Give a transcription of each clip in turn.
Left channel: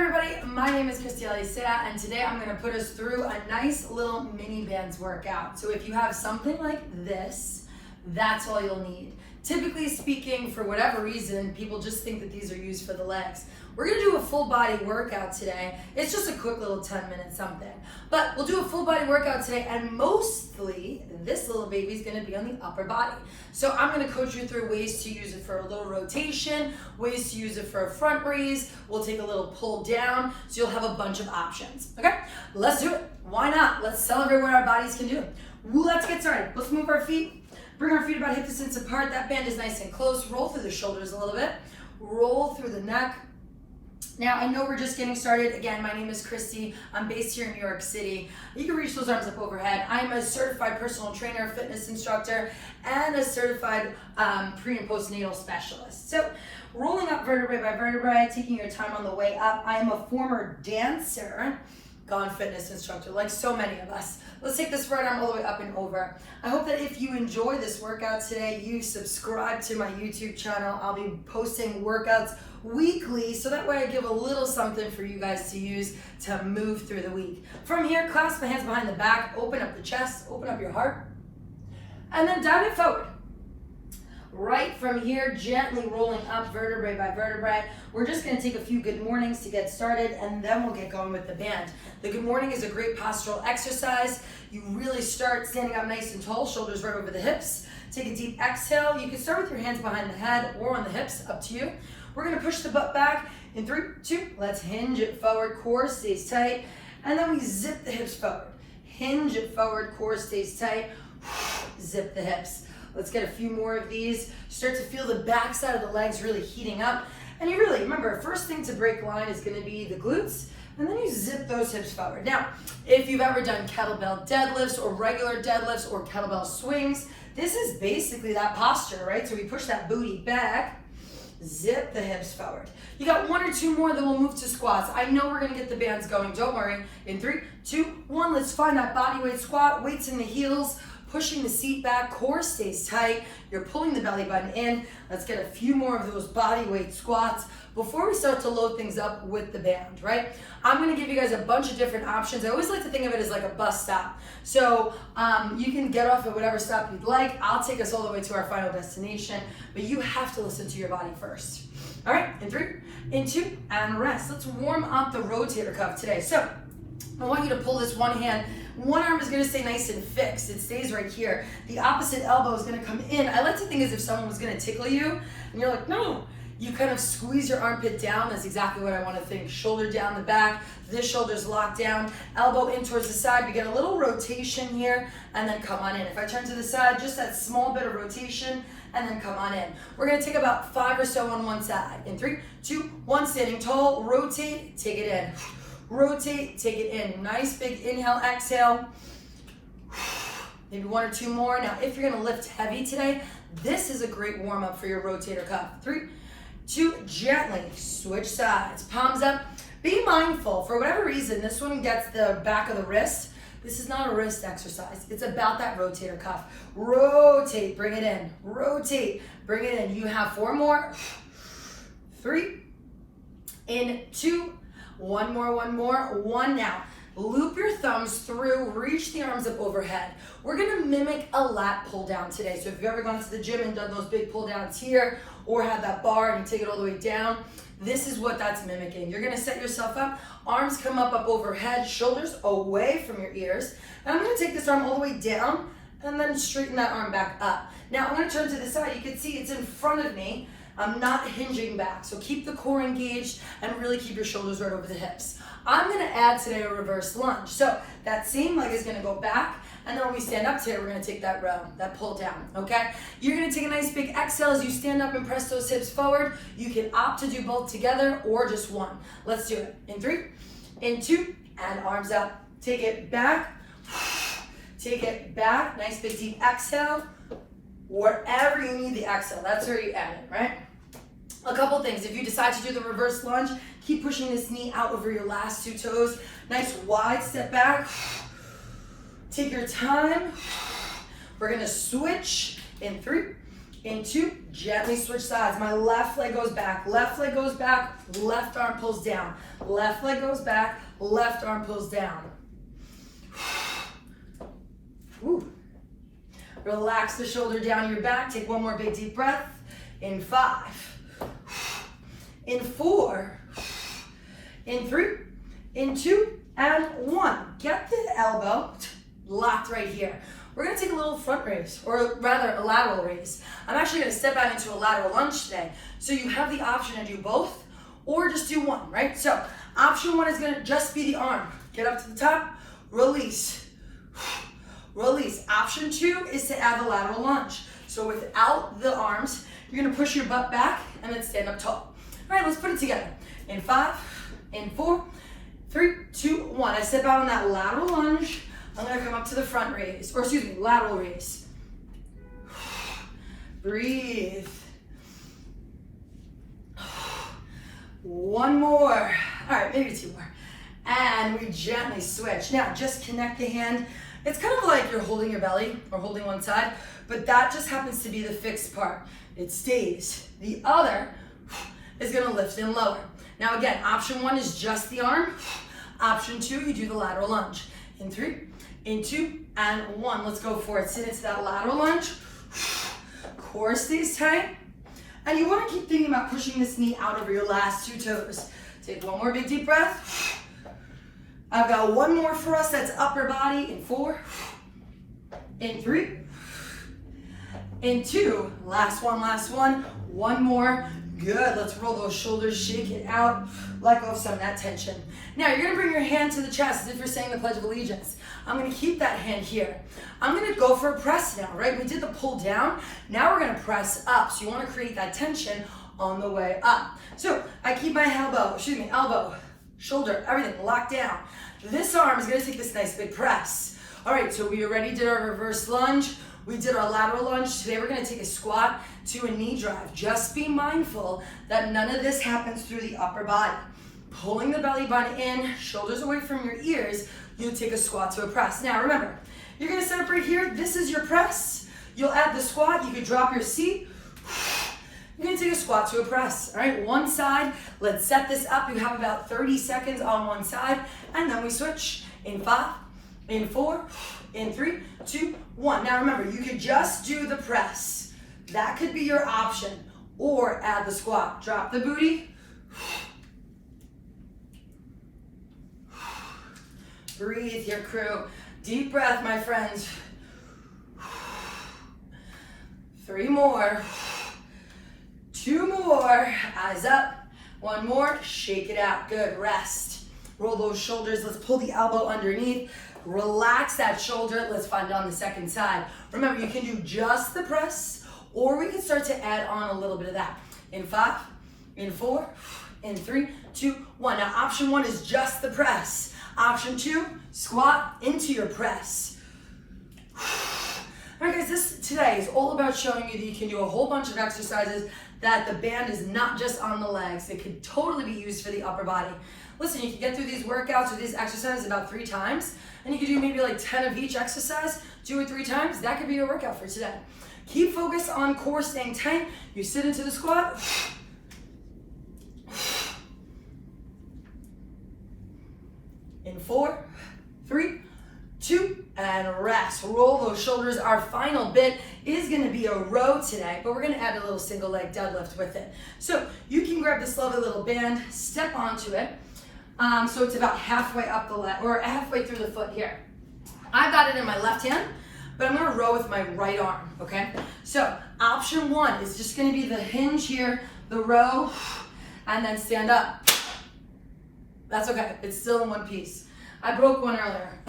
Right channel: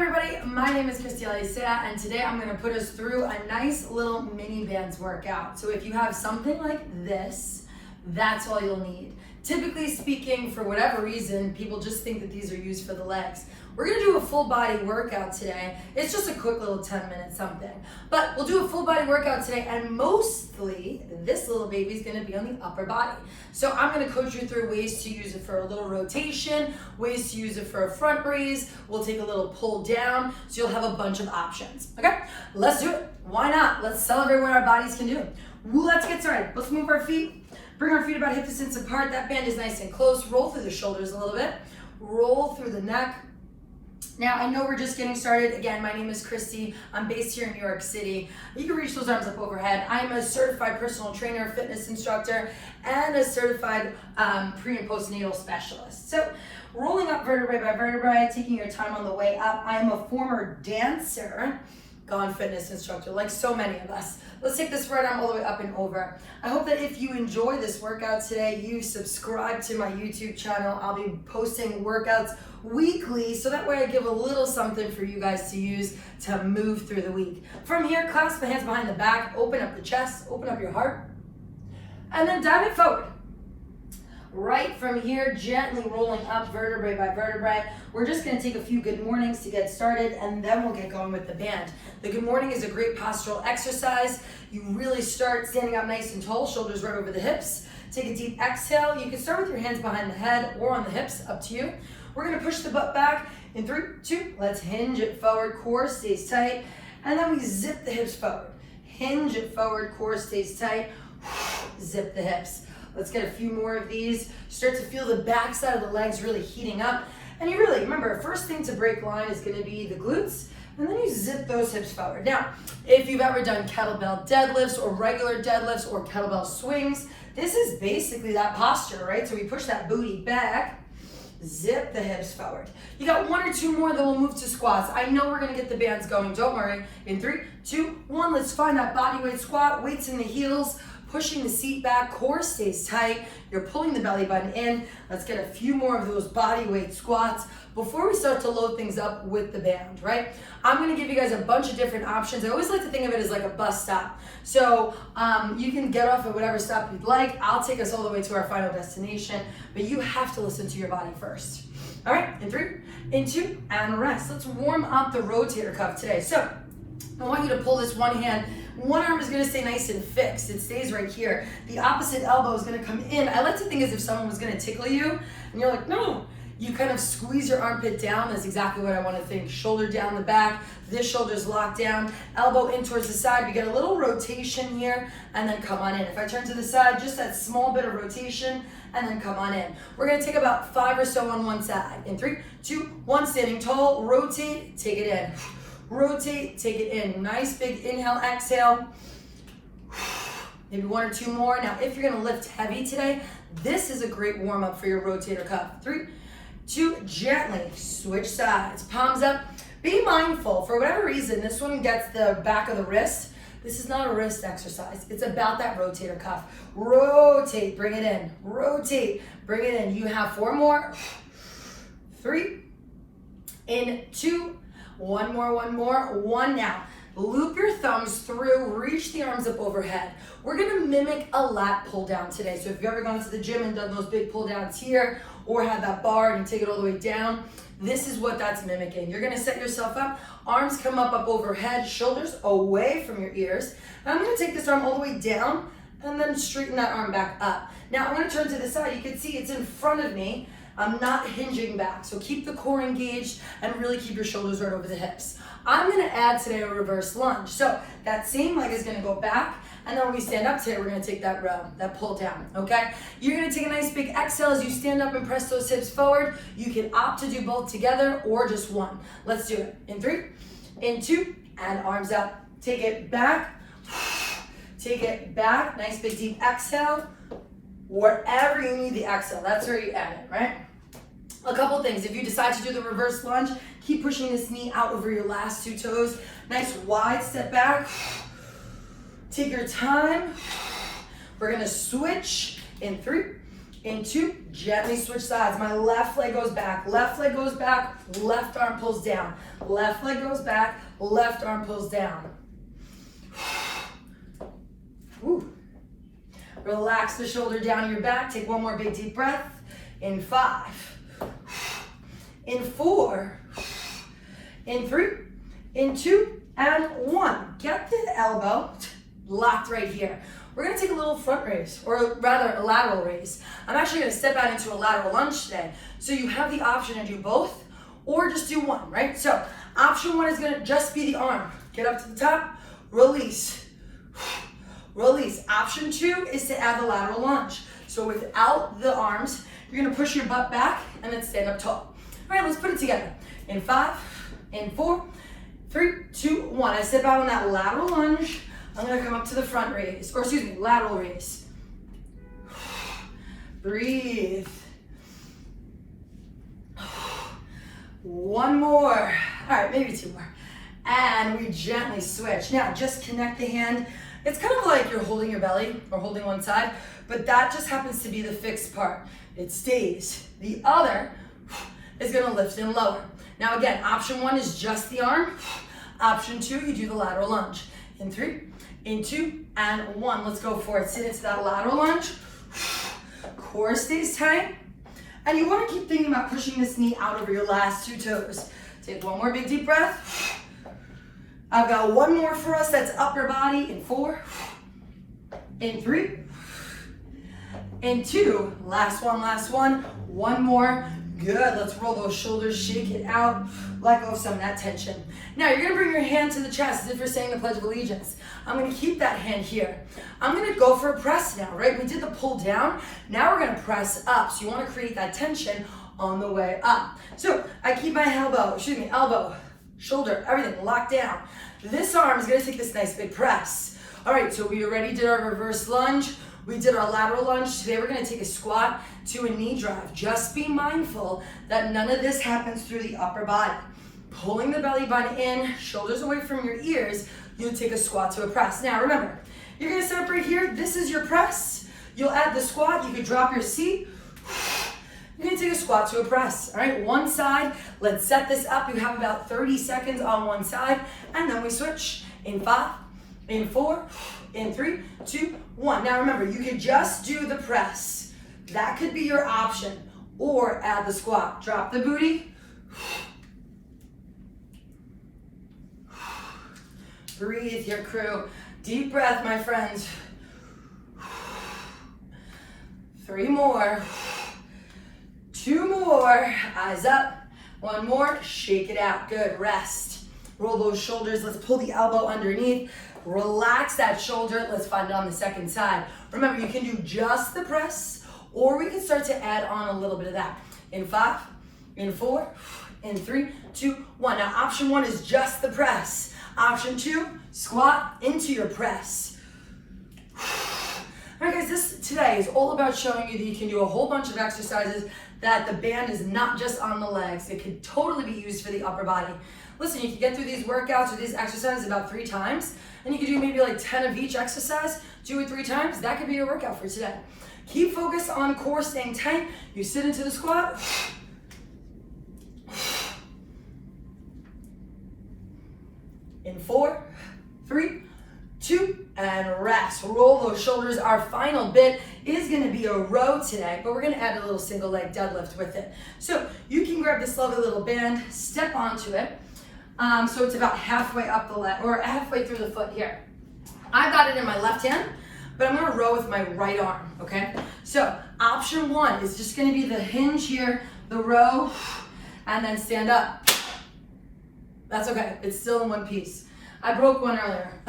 everybody, my name is Kristie and today I'm going to put us through a nice little mini bands workout. So if you have something like this, that's all you'll need. Typically speaking, for whatever reason, people just think that these are used for the legs. We're going to do a full body workout today. It's just a quick little 10-minute something. But we'll do a full body workout today, and mostly this little baby is going to be on the upper body. So I'm going to coach you through ways to use it for a little rotation, ways to use it for a front raise. We'll take a little pull down, so you'll have a bunch of options. Okay, let's do it. Why not? Let's celebrate what our bodies can do. Let's get started. Let's move our feet. Bring our feet about hip distance apart. That band is nice and close. Roll through the shoulders a little bit. Roll through the neck. Now, I know we're just getting started. Again, my name is Kristie. I'm based here in New York City. You can reach those arms up overhead. I'm a certified personal trainer, fitness instructor, and a certified pre- and postnatal specialist. So, rolling up vertebrae by vertebrae, taking your time on the way up. I'm a former dancer, gone fitness instructor, like so many of us. Let's take this right arm all the way up and over. I hope that if you enjoy this workout today, you subscribe to my YouTube channel. I'll be posting workouts weekly, so that way I give a little something for you guys to use to move through the week. From here, clasp the hands behind the back, open up the chest, open up your heart, and then dive it forward. Right from here, gently rolling up vertebrae by vertebrae. We're just going to take a few good mornings to get started, and then we'll get going with the band. The good morning is a great postural exercise. You really start standing up nice and tall, shoulders right over the hips. Take a deep exhale. You can start with your hands behind the head or on the hips, up to you. We're going to push the butt back in 3, 2. Let's hinge it forward, core stays tight, and then we zip the hips forward. Hinge it forward, core stays tight, zip the hips. Let's get a few more of these. Start to feel the back side of the legs really heating up. And you really, remember, first thing to break line is gonna be the glutes, and then you zip those hips forward. Now, if you've ever done kettlebell deadlifts or regular deadlifts or kettlebell swings, this is basically that posture, right? So we push that booty back, zip the hips forward. You got 1 or 2 more, then we'll move to squats. I know we're gonna get the bands going, don't worry. In 3, 2, 1, let's find that body weight squat, weights in the heels, pushing the seat back, core stays tight. You're pulling the belly button in. Let's get a few more of those body weight squats before we start to load things up with the band, right? I'm gonna give you guys a bunch of different options. I always like to think of it as like a bus stop. So you can get off at whatever stop you'd like. I'll take us all the way to our final destination, but you have to listen to your body first. All right, in 3, in 2, and rest. Let's warm up the rotator cuff today. So I want you to pull this one hand. One arm is going to stay nice and fixed. It stays right here. The opposite elbow is going to come in. I like to think as if someone was going to tickle you, and you're like, no. You kind of squeeze your armpit down. That's exactly what I want to think. Shoulder down the back. This shoulder's locked down. Elbow in towards the side. You get a little rotation here, and then come on in. If I turn to the side, just that small bit of rotation, and then come on in. We're going to take about 5 or so on one side. In 3, 2, 1, standing tall. Rotate, take it in. Rotate, take it in. Nice big inhale, exhale. Maybe 1 or 2 more. Now, if you're gonna lift heavy today, this is a great warm up for your rotator cuff. 3, 2, gently switch sides. Palms up. Be mindful, for whatever reason, this one gets the back of the wrist. This is not a wrist exercise. It's about that rotator cuff. Rotate, bring it in. Rotate, bring it in. You have 4 more. 3, in 2, 1 more, 1 more, 1 now. Loop your thumbs through, reach the arms up overhead. We're gonna mimic a lat pull down today. So if you've ever gone to the gym and done those big pull downs here, or had that bar and you take it all the way down, this is what that's mimicking. You're gonna set yourself up, arms come up overhead, shoulders away from your ears. And I'm gonna take this arm all the way down and then straighten that arm back up. Now I'm gonna turn to the side. You can see it's in front of me. I'm not hinging back, so keep the core engaged and really keep your shoulders right over the hips. I'm gonna add today a reverse lunge. So that same leg is gonna go back, and then when we stand up today, we're gonna take that row, that pull down, okay? You're gonna take a nice big exhale as you stand up and press those hips forward. You can opt to do both together or just one. Let's do it. In 3, in 2, and arms up. Take it back, take it back. Nice big deep exhale. Wherever you need the exhale, that's where you add it, right? A couple things. If you decide to do the reverse lunge, keep pushing this knee out over your last 2 toes. Nice wide step back. Take your time. We're gonna switch in 3, In 2, gently switch sides. My left leg goes back, left leg goes back, left arm pulls down. Left leg goes back, left arm pulls down. Woo. Relax the shoulder down your back. Take one more big deep breath. In 5, in 4, in 3, in 2, and 1. Get the elbow locked right here. We're gonna take a little front raise, or rather a lateral raise. I'm actually gonna step out into a lateral lunge today. So you have the option to do both, or just do one, right? So option 1 is gonna just be the arm. Get up to the top, release. Release. Option 2 is to add the lateral lunge. So without the arms, you're gonna push your butt back and then stand up tall. All right, let's put it together. In 5, in 4, 3, 2, 1. I step out on that lateral lunge. I'm gonna come up to the front raise, or excuse me, lateral raise. Breathe. One more. All right, maybe 2 more. And we gently switch. Now, just connect the hand. It's kind of like you're holding your belly or holding one side, but that just happens to be the fixed part. It stays. The other is gonna lift and lower. Now again, option 1 is just the arm. Option 2, you do the lateral lunge. In 3, in 2, and 1. Let's go for it. Sit into that lateral lunge. Core stays tight. And you wanna keep thinking about pushing this knee out over your last 2 toes. Take one more big deep breath. I've got one more for us, that's upper body. In 4, in 3, in 2, last one, one more. Good, let's roll those shoulders, shake it out, let go of some of that tension. Now you're gonna bring your hand to the chest as if you're saying the Pledge of Allegiance. I'm gonna keep that hand here. I'm gonna go for a press now, right? We did the pull down, now we're gonna press up. So you wanna create that tension on the way up. So I keep my elbow, shoulder, everything locked down. This arm is gonna take this nice big press. All right, so we already did our reverse lunge. We did our lateral lunge. Today we're gonna take a squat to a knee drive. Just be mindful that none of this happens through the upper body. Pulling the belly button in, shoulders away from your ears, you take a squat to a press. Now remember, you're gonna set up right here. This is your press. You'll add the squat. You can drop your seat. You're gonna take a squat to a press. All right, one side. Let's set this up. You have about 30 seconds on one side, and then we switch. In 5, in 4, in 3, 2, 1. Now remember, you can just do the press. That could be your option, or add the squat. Drop the booty. Breathe, your crew. Deep breath, my friends. 3 more. 2 more. Eyes up. 1 more. Shake it out. Good. Rest. Roll those shoulders. Let's pull the elbow underneath. Relax that shoulder. Let's find it on the second side. Remember, you can do just the press, or we can start to add on a little bit of that. In 5, in 4, in 3, 2, 1. Now, option 1 is just the press. Option 2, squat into your press. All right, guys, this today is all about showing you that you can do a whole bunch of exercises, that the band is not just on the legs. It could totally be used for the upper body. Listen, you can get through these workouts or these exercises about 3 times, and you can do maybe like 10 of each exercise, do it 3 times. That could be your workout for today. Keep focus on core staying tight. You sit into the squat. In 4, 3, 2, and rest. Roll those shoulders. Our final bit is gonna be a row today, but we're gonna add a little single leg deadlift with it. So you can grab this lovely little band, step onto it. So it's about halfway up the leg, or halfway through the foot here. I've got it in my left hand, but I'm gonna row with my right arm, okay? So option 1 is just gonna be the hinge here, the row, and then stand up. That's okay, it's still in one piece. I broke one earlier.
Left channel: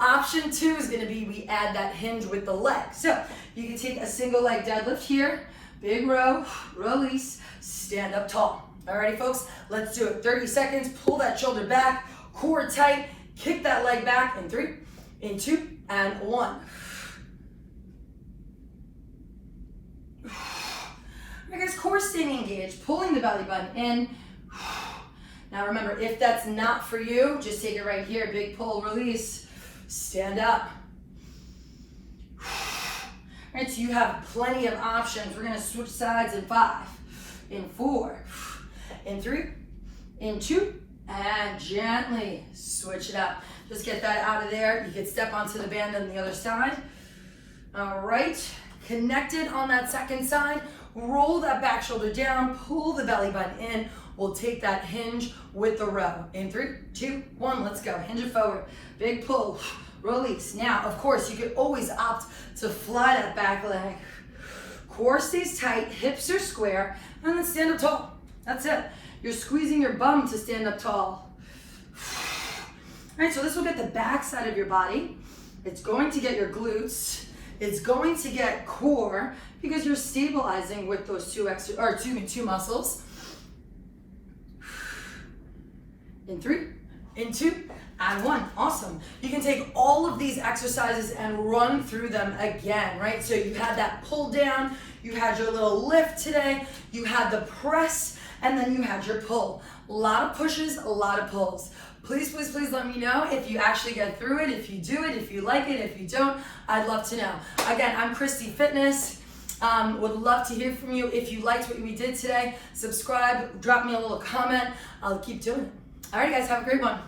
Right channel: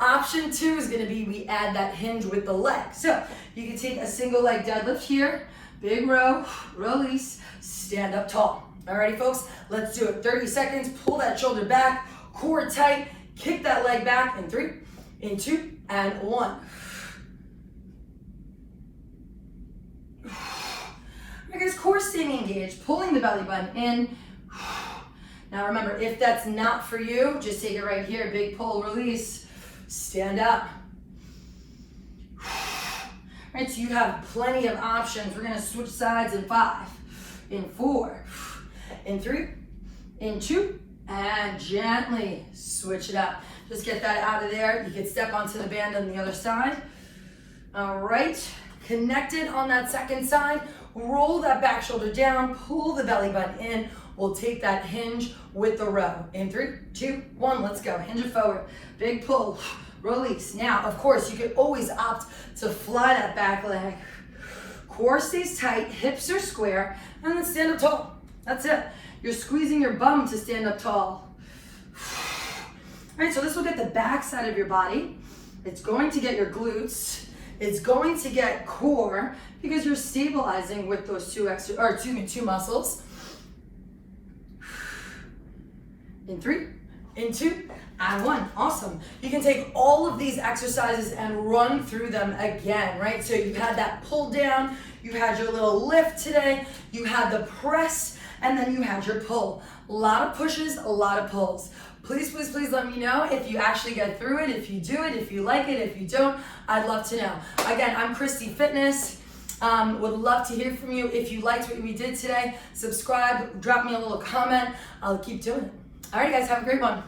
Option 2 is gonna be we add that hinge with the leg. So you can take a single leg deadlift here, big row, release, stand up tall. Alrighty folks, let's do it. 30 seconds, pull that shoulder back, core tight, kick that leg back in 3, in 2, and 1. Alright guys, core staying engaged, pulling the belly button in. Now remember, if that's not for you, just take it right here, big pull, release, stand up. All right, so you have plenty of options. We're gonna switch sides in 5, in 4, in 3, in 2, and gently switch it up. Just get that out of there. You can step onto the band on the other side. All right, connected on that second side. Roll that back shoulder down, pull the belly button in. We'll take that hinge with the row. In 3, 2, 1, let's go. Hinge it forward. Big pull, release. Now, of course, you can always opt to fly that back leg. Core stays tight, hips are square, and then stand up tall. That's it. You're squeezing your bum to stand up tall. All right, so this will get the back side of your body. It's going to get your glutes. It's going to get core because you're stabilizing with those two muscles. In 3, in 2, and 1. Awesome. You can take all of these exercises and run through them again, right? So you had that pull down, you had your little lift today, you had the press, and then you had your pull. A lot of pushes, a lot of pulls. Please, please, please let me know if you actually get through it, if you do it, if you like it, if you don't. I'd love to know. Again, I'm Kristie Fitness. Would love to hear from you. If you liked what we did today, subscribe, drop me a little comment. I'll keep doing it. All right, guys, have a great one.